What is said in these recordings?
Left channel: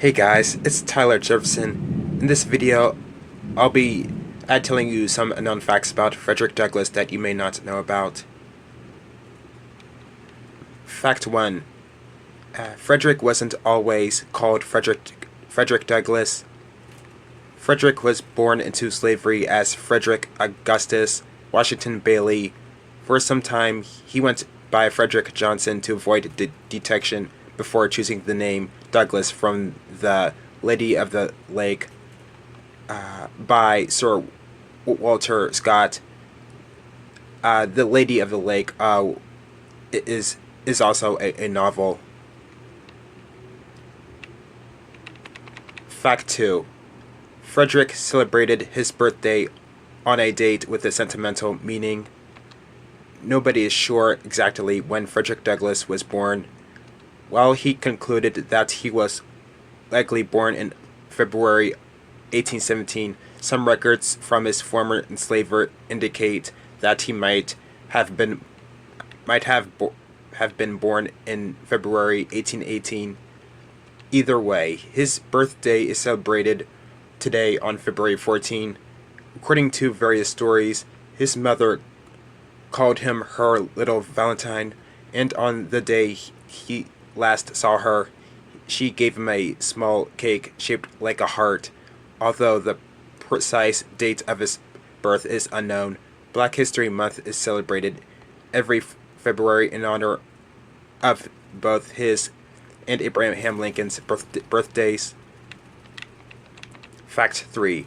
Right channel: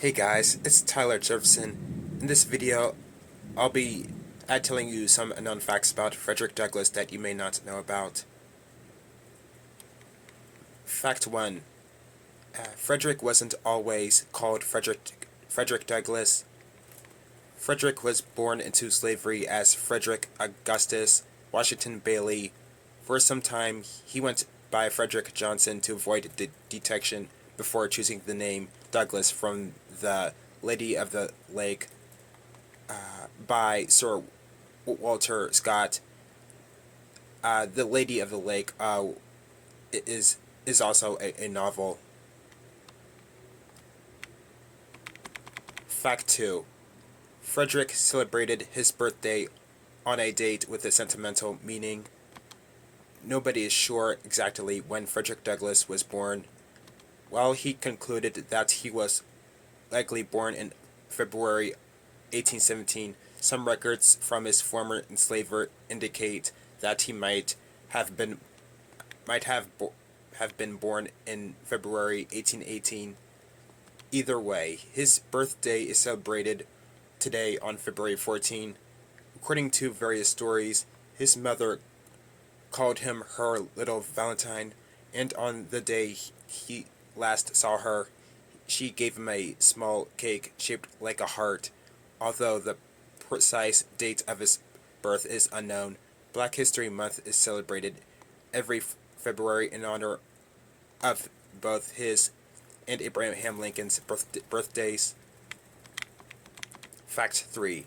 Hey guys, it's Tyler Jefferson. In this video, I'll be telling you some unknown facts about Frederick Douglass that you may not know about. Fact 1. Frederick wasn't always called Frederick Douglass. Frederick was born into slavery as Frederick Augustus Washington Bailey. For some time, he went by Frederick Johnson to avoid detection before choosing the name Douglas from the Lady of the Lake by Sir Walter Scott. The Lady of the Lake is is also a novel. Fact 2. Frederick celebrated his birthday on a date with a sentimental meaning. Nobody is sure exactly when Frederick Douglass was born. While he concluded that he was likely born in February 1817, some records from his former enslaver indicate that he might have been born in February 1818. Either way, his birthday is celebrated today on February 14. According to various stories, his mother called him her little Valentine, and on the day he last saw her, she gave him a small cake shaped like a heart. Although the precise date of his birth is unknown, Black History Month is celebrated every February in honor of both his and Abraham Lincoln's birthdays. Fact 3.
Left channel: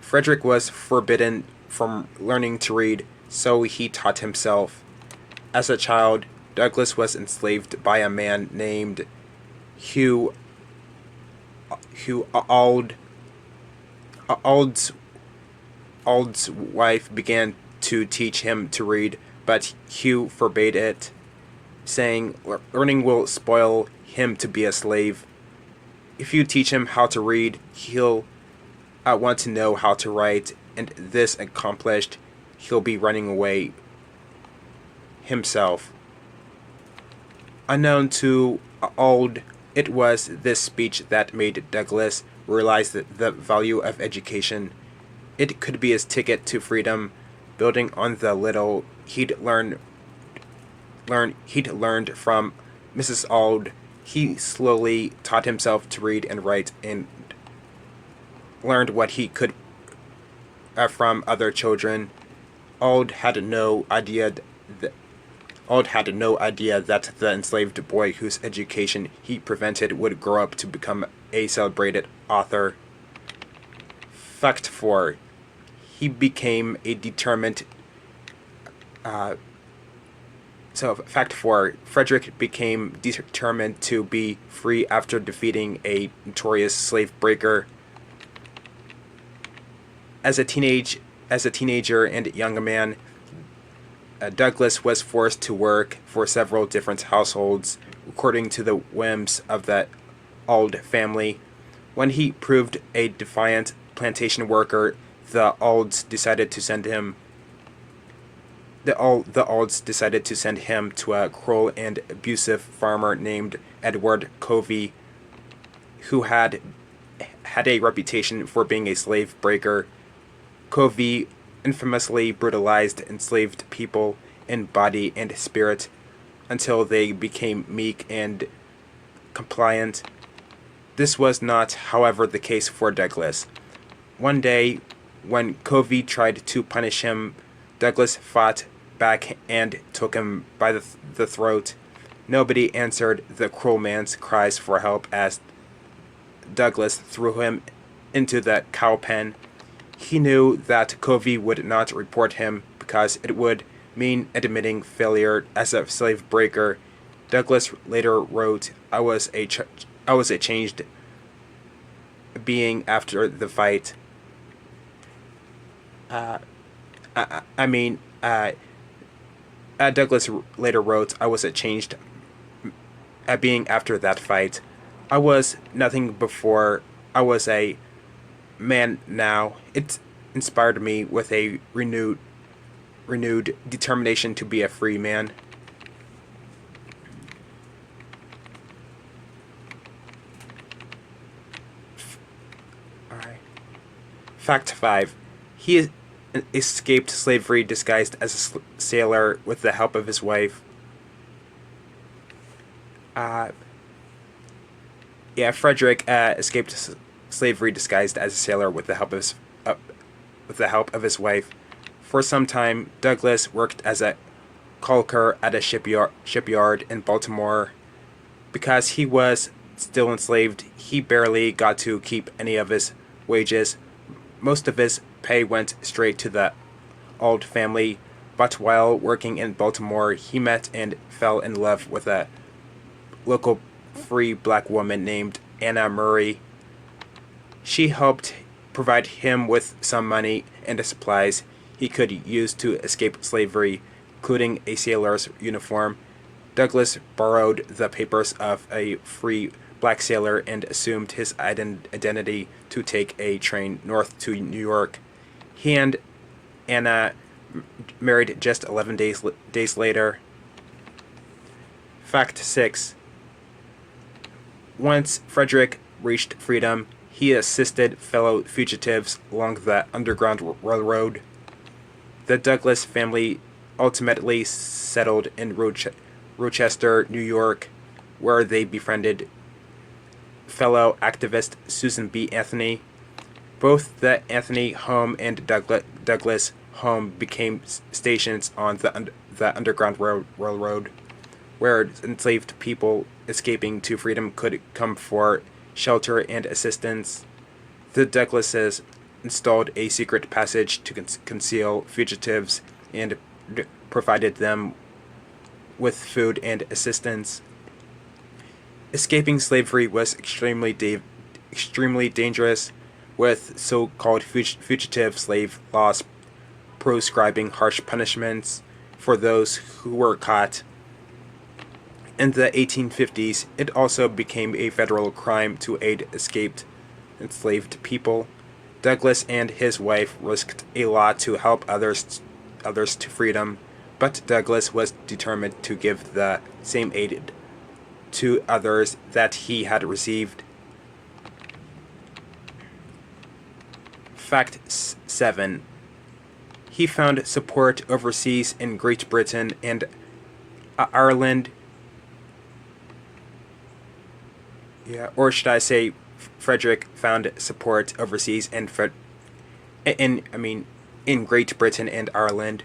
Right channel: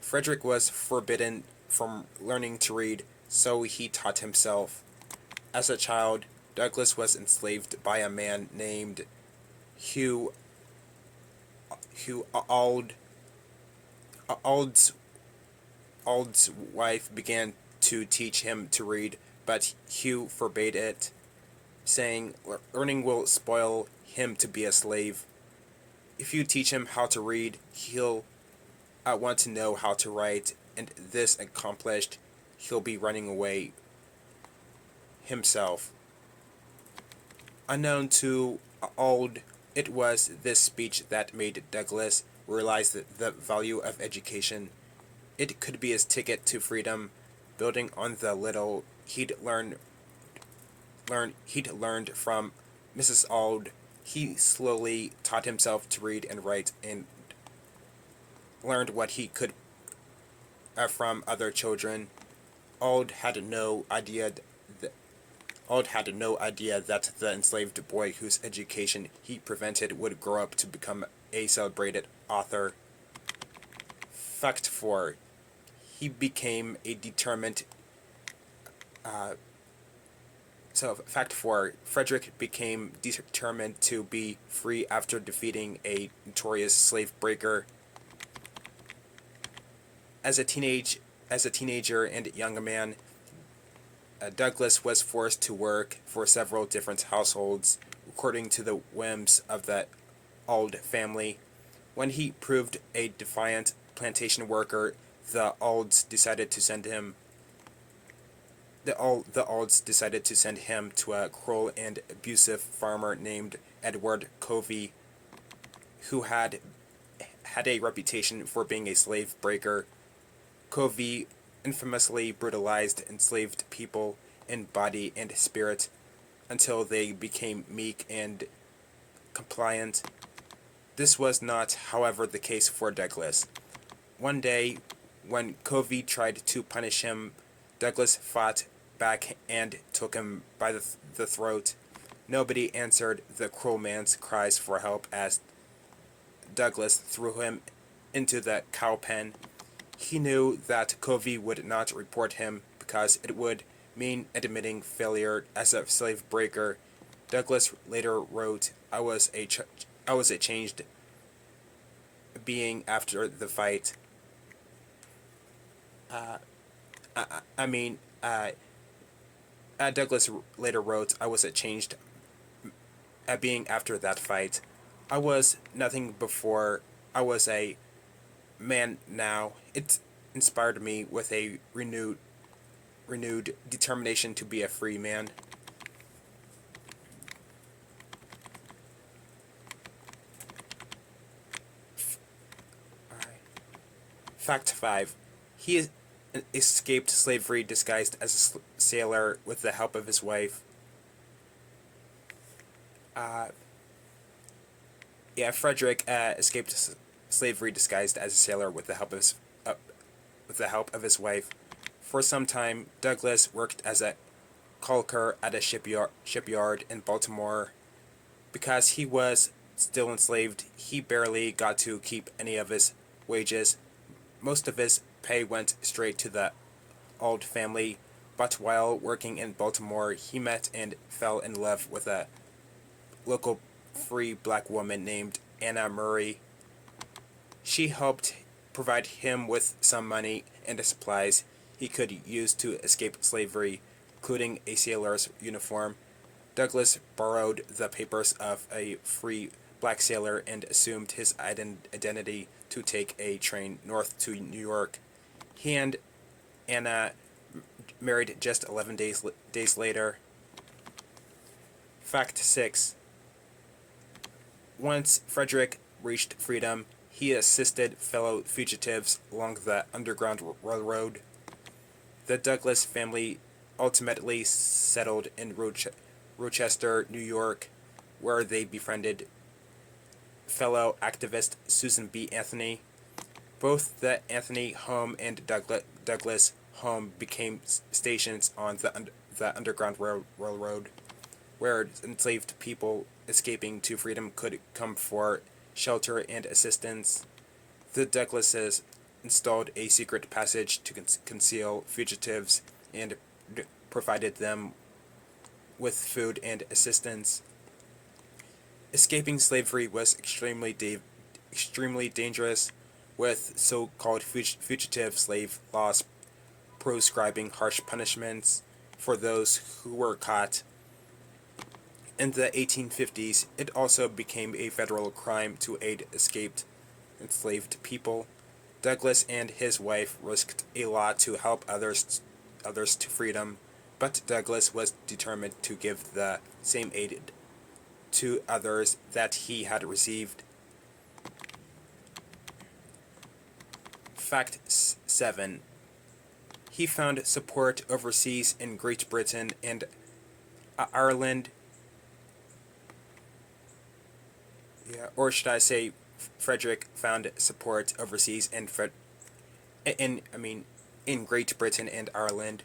Frederick was forbidden from learning to read, so he taught himself. As a child, Douglas was enslaved by a man named Hugh Hugh Ald's wife began to teach him to read, but Hugh forbade it, saying learning will spoil him to be a slave. If you teach him how to read, he'll want to know how to write, and this accomplished, he'll be running away himself. Unknown to Ald, it was this speech that made Douglas realize the value of education. It could be his ticket to freedom, building on the little he'd learned from Mrs. Auld. He slowly taught himself to read and write and learned what he could from other children. Auld had no idea that the enslaved boy whose education he prevented would grow up to become a celebrated author. Fact 4. He became a determined. Fact 4. Frederick became determined to be free after defeating a notorious slave breaker. As a teenager and young man, Douglas was forced to work for several different households, according to the whims of the Auld family. When he proved a defiant plantation worker, the Aulds decided to send him to a cruel and abusive farmer named Edward Covey, who had a reputation for being a slave breaker. Covey infamously brutalized enslaved people in body and spirit until they became meek and compliant. This was not, however, the case for Douglas. One day, when Covey tried to punish him, Douglas fought back and took him by the throat. Nobody answered the cruel man's cries for help as Douglas threw him into the cow pen. He knew that Covey would not report him because it would mean admitting failure as a slave breaker. Douglas later wrote, I was a changed being after the fight. Uh, I, I mean, Douglas later wrote, I was a changed being after that fight. I was nothing before. I was a man now. It inspired me with a renewed determination to be a free man. Fact 5. He escaped slavery disguised as a sailor with the help of his wife. Uh, Fredrick escaped slavery disguised as a sailor with the help of his wife. For some time, Douglas worked as a caulker at a shipyard in Baltimore. Because he was still enslaved, he barely got to keep any of his wages. Most of his pay went straight to the Auld family, but while working in Baltimore, he met and fell in love with a local free black woman named Anna Murray. She helped provide him with some money and the supplies he could use to escape slavery, including a sailor's uniform. Douglas borrowed the papers of a free black sailor and assumed his identity to take a train north to New York. He and Anna married just 11 days later. Fact 6. Once Fredrick reached freedom, he assisted fellow fugitives along the Underground Railroad. The Douglas family ultimately settled in Rochester, New York, where they befriended fellow activist Susan B. Anthony. Both the Anthony home and Douglas home became stations on the Underground Railroad, where enslaved people escaping to freedom could come for shelter and assistance. The Douglases installed a secret passage to conceal fugitives and provided them with food and assistance. Escaping slavery was extremely dangerous, with so-called fugitive slave laws prescribing harsh punishments for those who were caught. In the 1850s, it also became a federal crime to aid escaped enslaved people. Douglas and his wife risked a lot to help others to freedom, but Douglas was determined to give the same aid to others that he had received. Fact 7. He found support overseas in Great Britain and Ireland. Or should I say, Fredrick found support overseas in Great Britain and Ireland.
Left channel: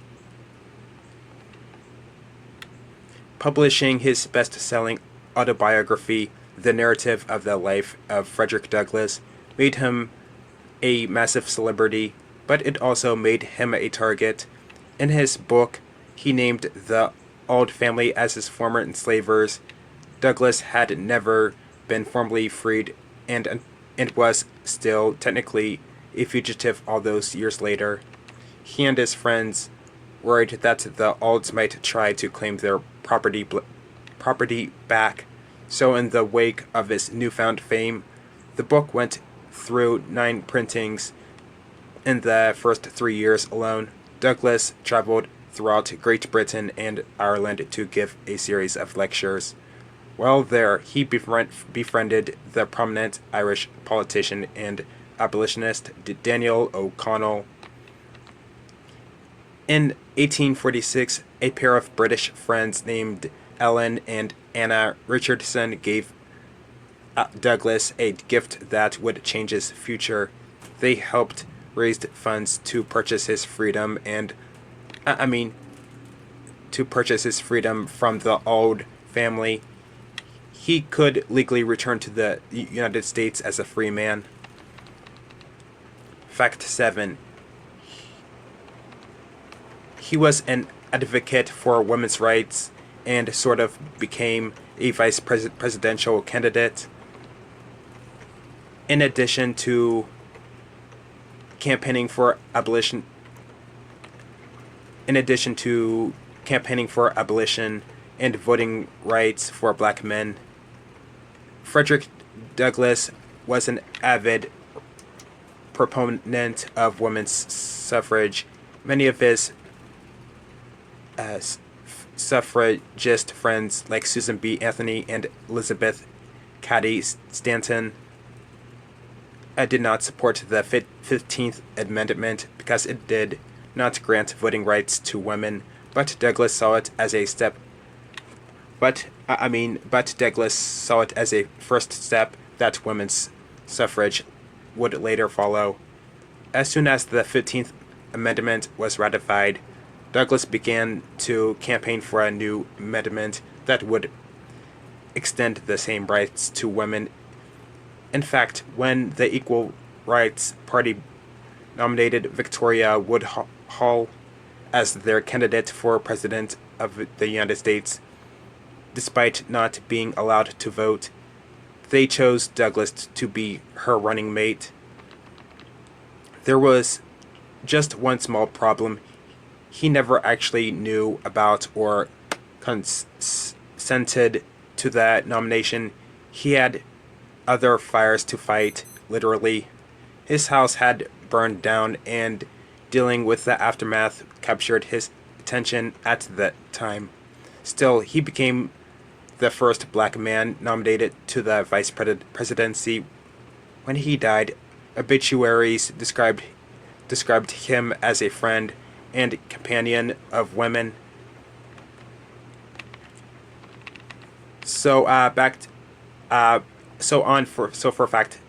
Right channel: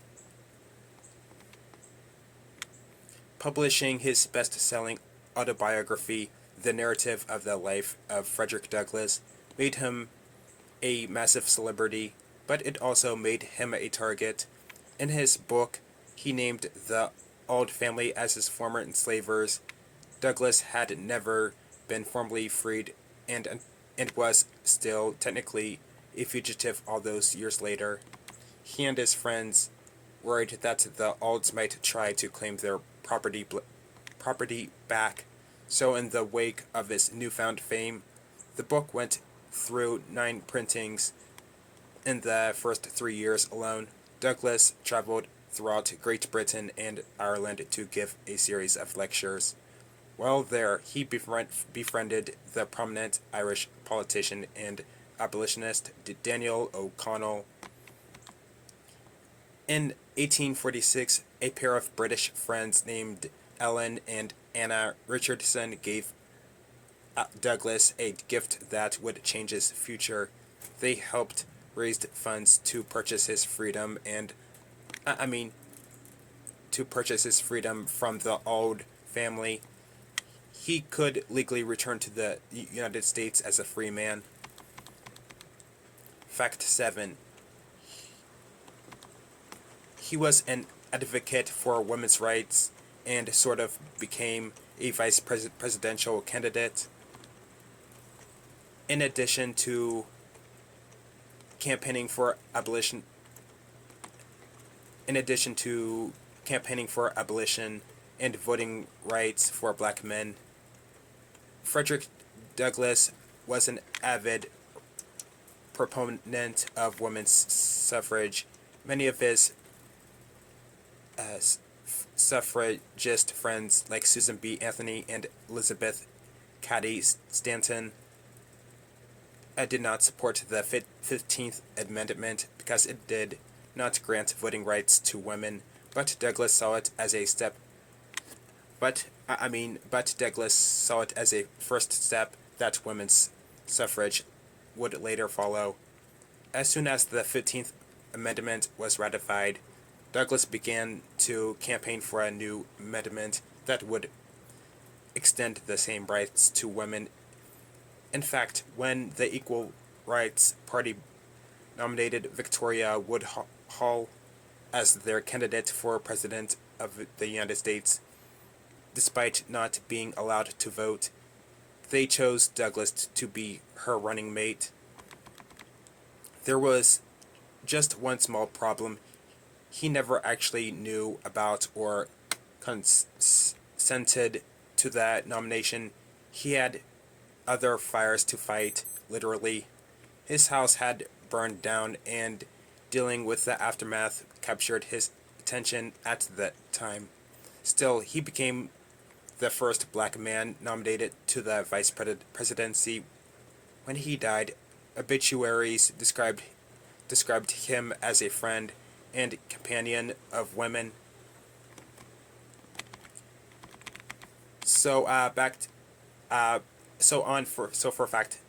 Publishing his best-selling autobiography, The Narrative of the Life of Frederick Douglass, made him a massive celebrity, but it also made him a target. In his book, he named the Auld family as his former enslavers. Douglass had never been formally freed and was still technically a fugitive all those years later. He and his friends worried that the Aulds might try to claim their property back, so in the wake of his newfound fame, the book went through 9 printings. In the first 3 years alone, Douglass traveled throughout Great Britain and Ireland to give a series of lectures. While there, he befriended the prominent Irish politician and abolitionist Daniel O'Connell. In 1846, a pair of British friends named Ellen and Anna Richardson gave Douglass a gift that would change his future. They helped raise funds to purchase his freedom from the Auld family. He could legally return to the United States as a free man. Fact 7. He was an advocate for women's rights and sort of became a vice presidential candidate. In addition to campaigning for abolition and voting rights for black men, Frederick Douglass was an avid proponent of women's suffrage. Many of his suffragist friends, like Susan B. Anthony and Elizabeth Cady Stanton, did not support the 15th Amendment because it did not grant voting rights to women, but Douglas saw it as a step. But Douglas saw it as a first step that women's suffrage would later follow. As soon as the 15th Amendment was ratified, Douglas began to campaign for a new amendment that would extend the same rights to women. In fact, when the Equal Rights Party nominated Victoria Woodhull as their candidate for President of the United States, despite not being allowed to vote, they chose Douglas to be her running mate. There was just one small problem. He never actually knew about or consented to that nomination. He had other fires to fight, literally. His house had burned down, and dealing with the aftermath captured his attention at the time. Still, he became the first black man nominated to the vice presidency. When he died, obituaries described him as a friend and companion of women. So for fact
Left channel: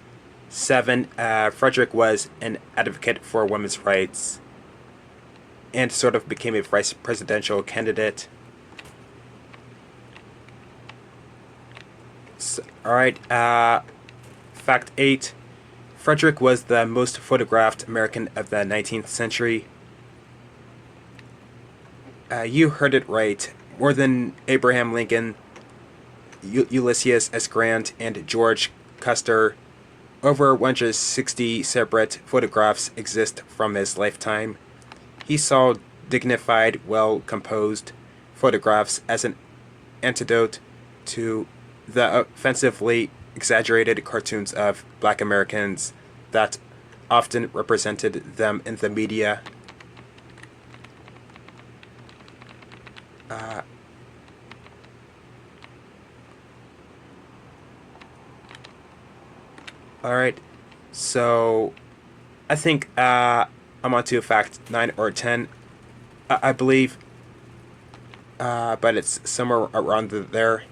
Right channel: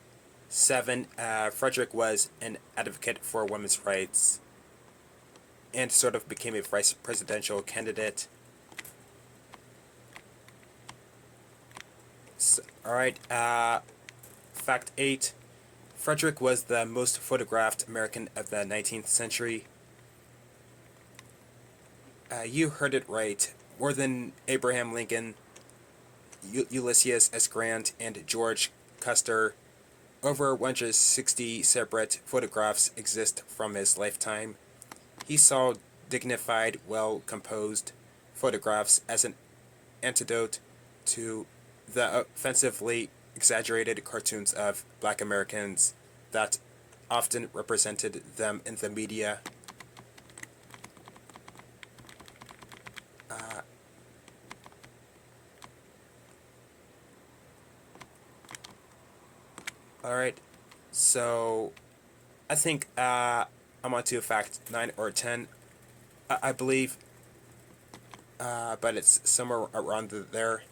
7, Fredrick was an advocate for women's rights and sort of became a vice presidential candidate. So, alright, fact 8. Fredrick was the most photographed American of the 19th century. You heard it right. More than Abraham Lincoln, Ulysses S. Grant, and George Custer, over 160 separate photographs exist from his lifetime. He saw dignified, well-composed photographs as an antidote to the offensively exaggerated cartoons of black Americans that often represented them in the media. Alright, so I think I'm on to fact 9 or 10, I believe, but it's somewhere around there.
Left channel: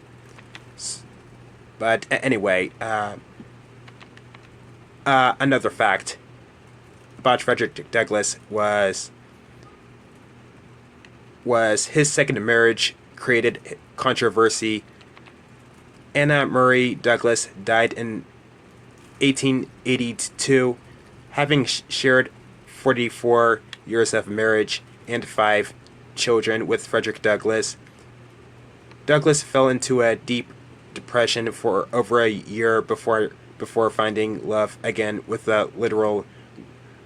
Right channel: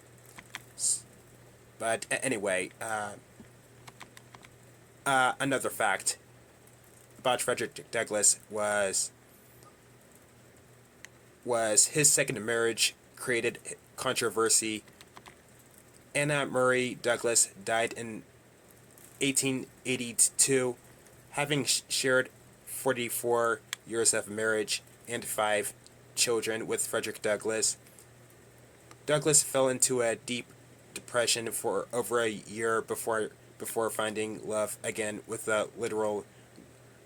But anyway, another fact about Frederick Douglass was his second marriage created controversy. Anna Murray Douglass died in 1882, having shared 44 years of marriage and 5 children with Frederick Douglass. Douglass fell into a deep depression for over a year before finding love again with the literal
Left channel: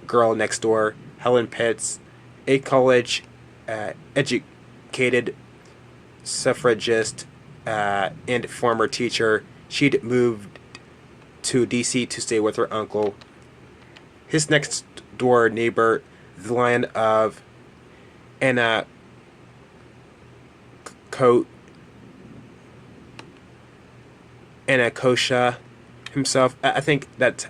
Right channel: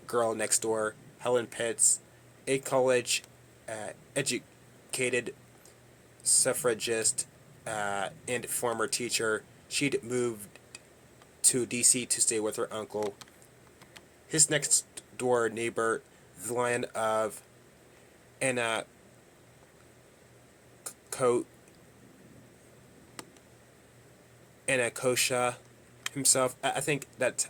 girl next door, Helen Pitts, a college educated suffragist and former teacher. She'd moved to D.C. to stay with her uncle. His next door neighbor, the Lion of Anacostia himself. I think that's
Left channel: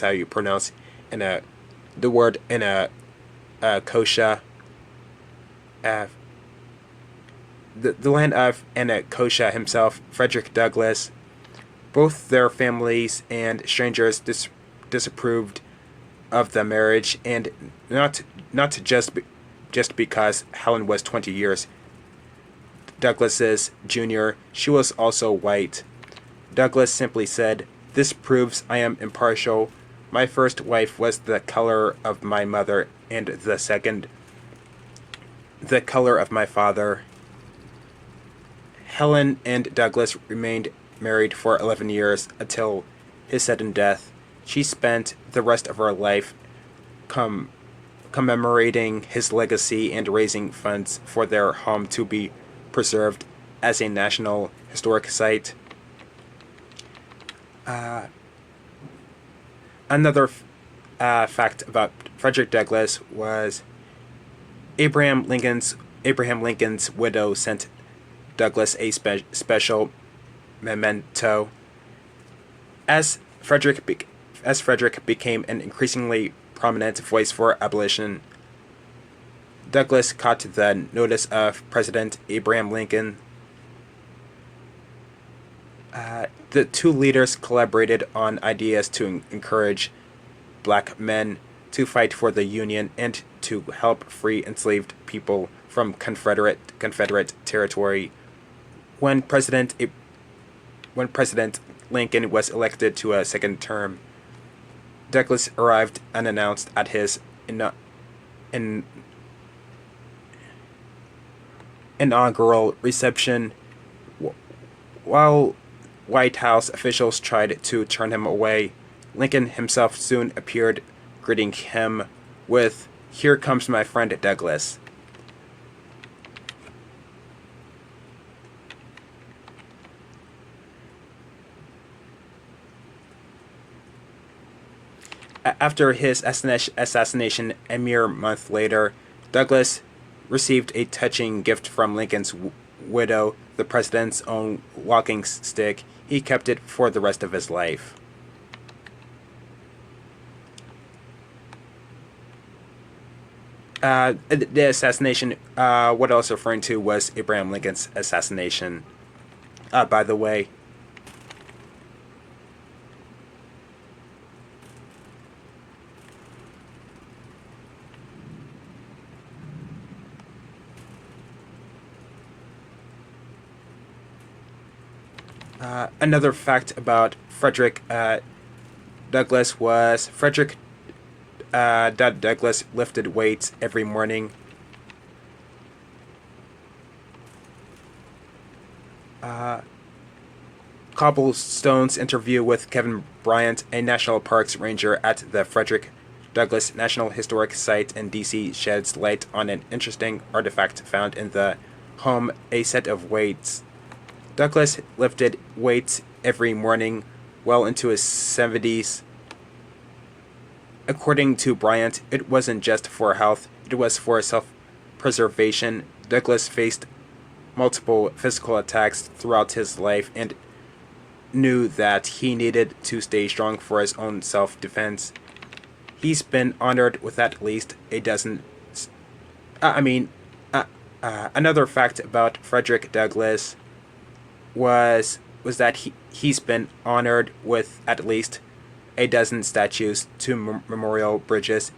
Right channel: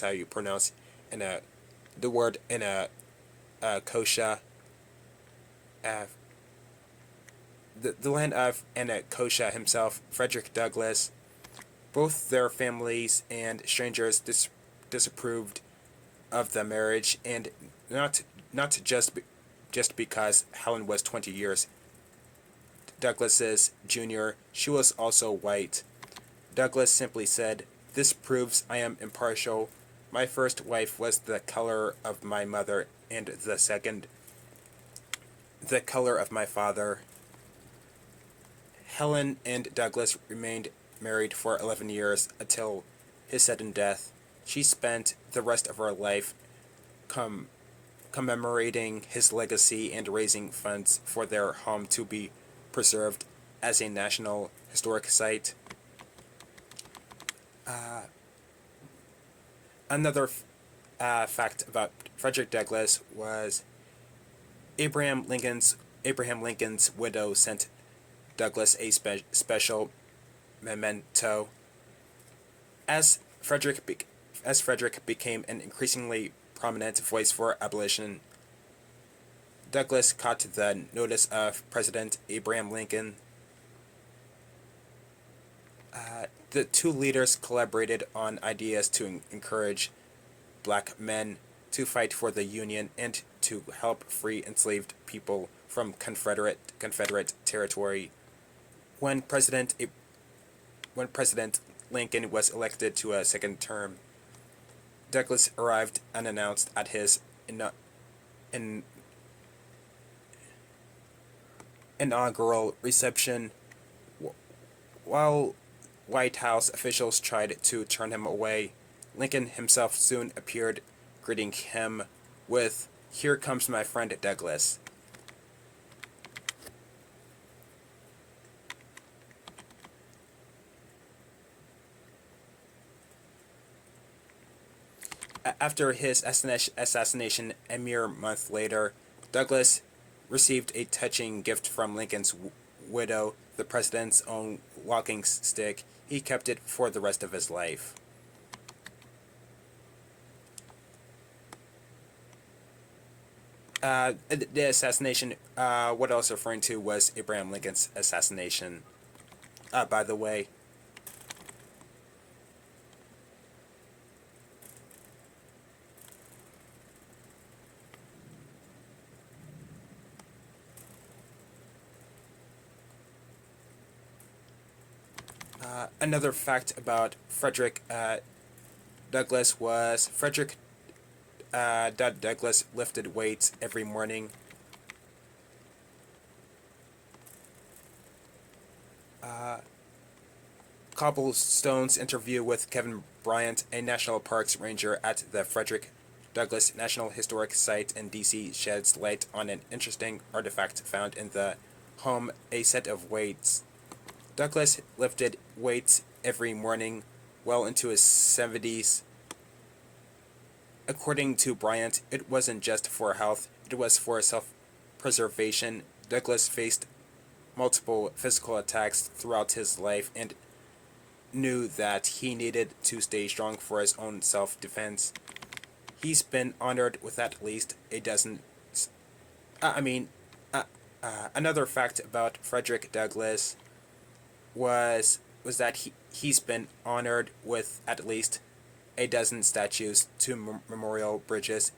how you pronounce the word Anacostia. The land of Anacostia himself, Frederick Douglass. Both their families and strangers disapproved of the marriage, and not just because Helen was 20 years Douglass's junior. She was also white. Douglass simply said, "This proves I am impartial. My first wife was the color of my mother, and the second, the color of my father." Helen and Douglass remained married for 11 years until his sudden death. She spent the rest of her life commemorating his legacy and raising funds for their home to be preserved as a National Historic Site. Another fact about Frederick Douglass was Abraham Lincoln's widow sent Douglass a special memento. As Fredrick became an increasingly prominent voice for abolition, Douglas caught the notice of President Abraham Lincoln. The two leaders collaborated on ideas to encourage black men to fight for the Union and to help free enslaved people from Confederate territory. When President Lincoln was elected to a second term, Douglas arrived unannounced at his inaugural reception, while White House officials tried to turn him away. Lincoln himself soon appeared, greeting him with, "Here comes my friend Douglas." After his assassination a mere month later, Douglas received a touching gift from Lincoln's widow, the president's own walking stick. He kept it for the rest of his life. The assassination, what I was referring to was Abraham Lincoln's assassination. By the way, another fact about Frederick Douglass was Douglass lifted weights every morning. Cobblestone's interview with Kevin Bryant, a National Parks ranger at the Frederick Douglass National Historic Site in D.C., sheds light on an interesting artifact found in the home, a set of weights. Douglass lifted weights every morning, well into his 70s. According to Bryant, it wasn't just for health, it was for self-preservation. Douglass faced multiple physical attacks throughout his life and knew that he needed to stay strong for his own self-defense. He's been honored with at least a dozen... another fact about Frederick Douglass was that he's been honored with at least a dozen statues, two memorial bridges,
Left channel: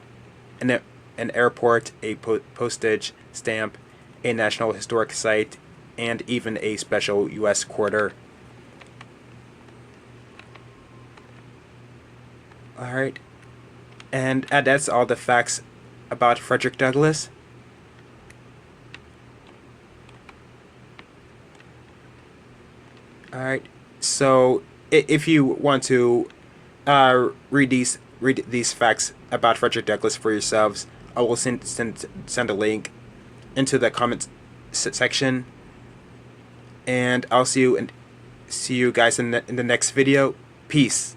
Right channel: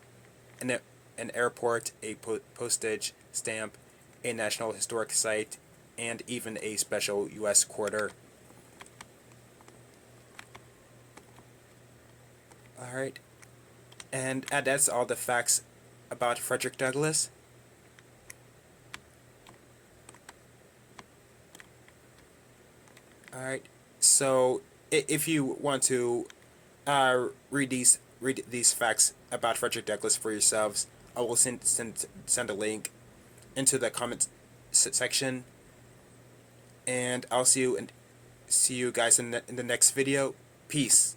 an airport, a postage stamp, a National Historic Site, and even a special U.S. quarter. Alright, and that's all the facts about Frederick Douglass. Alright, so if you want to read these facts about Frederick Douglass for yourselves, I will send a link into the comments section, and I'll see you guys in the next video. Peace.